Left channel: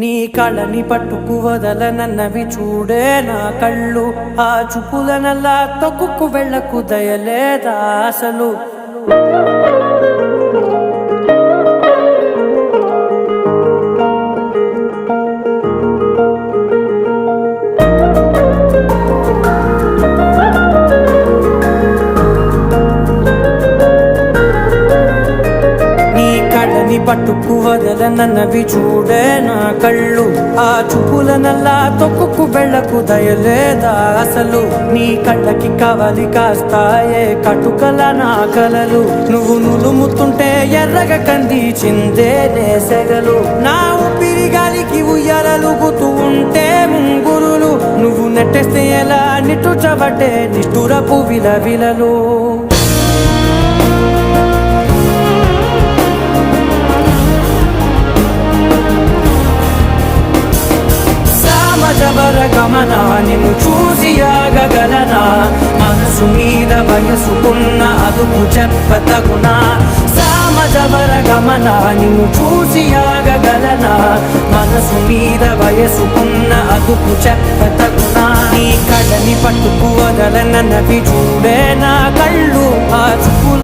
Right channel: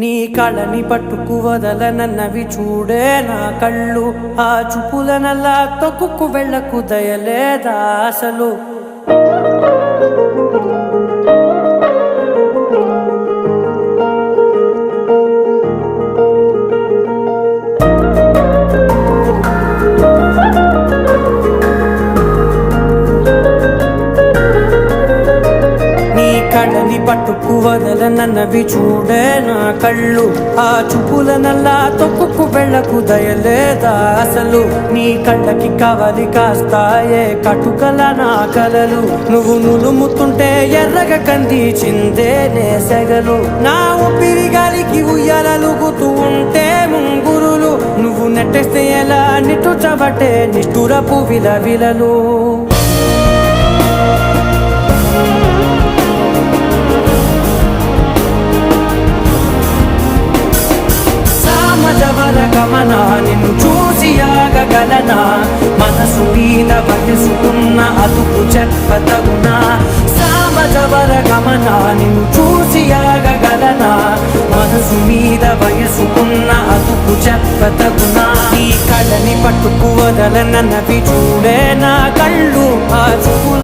నీ కళని పట్టుకు వదలనన్నవి చూడే నా కళ్ళు. ఆ చూపులనల్లా తొక్కుకు వెళ్ళకు దయలేదా అసలు. కళ్ళని పట్టుకు వదలనన్నవి చూడే నా కళ్ళు. ఆ చూపులనల్లా తొక్కుకు వెళ్ళకు దయలేదా అసలు. నీ కళ్ళకి కవలి కాస్తాయే కటుకల నా కలలు. నువ్వు నులుముతుంటే ఎర్రగ కందిచిందే నేసెగలు. నా ఊపిరి గాలికి ఉయ్యాలలుగుతూ ఉంటే ముంగురులు. నువ్వు నెట్టేస్తే ఎలా నిట్టుచబట్టే నిష్ఠురపు విలవిలలు. నిన్ను చూసి ఆగగలనా. మనసు మీద వయసుకున్న అదుపు చెప్పతగునా. సామజవర గమన నిన్ను చూసి ఆగగలనా. మనసు మీద వయసుకున్న అదుపు చెప్పతగునా. నీ కళ్ళని పట్టుకు వదలనన్నవి చూడే నా కళ్ళు. ఆ చూపు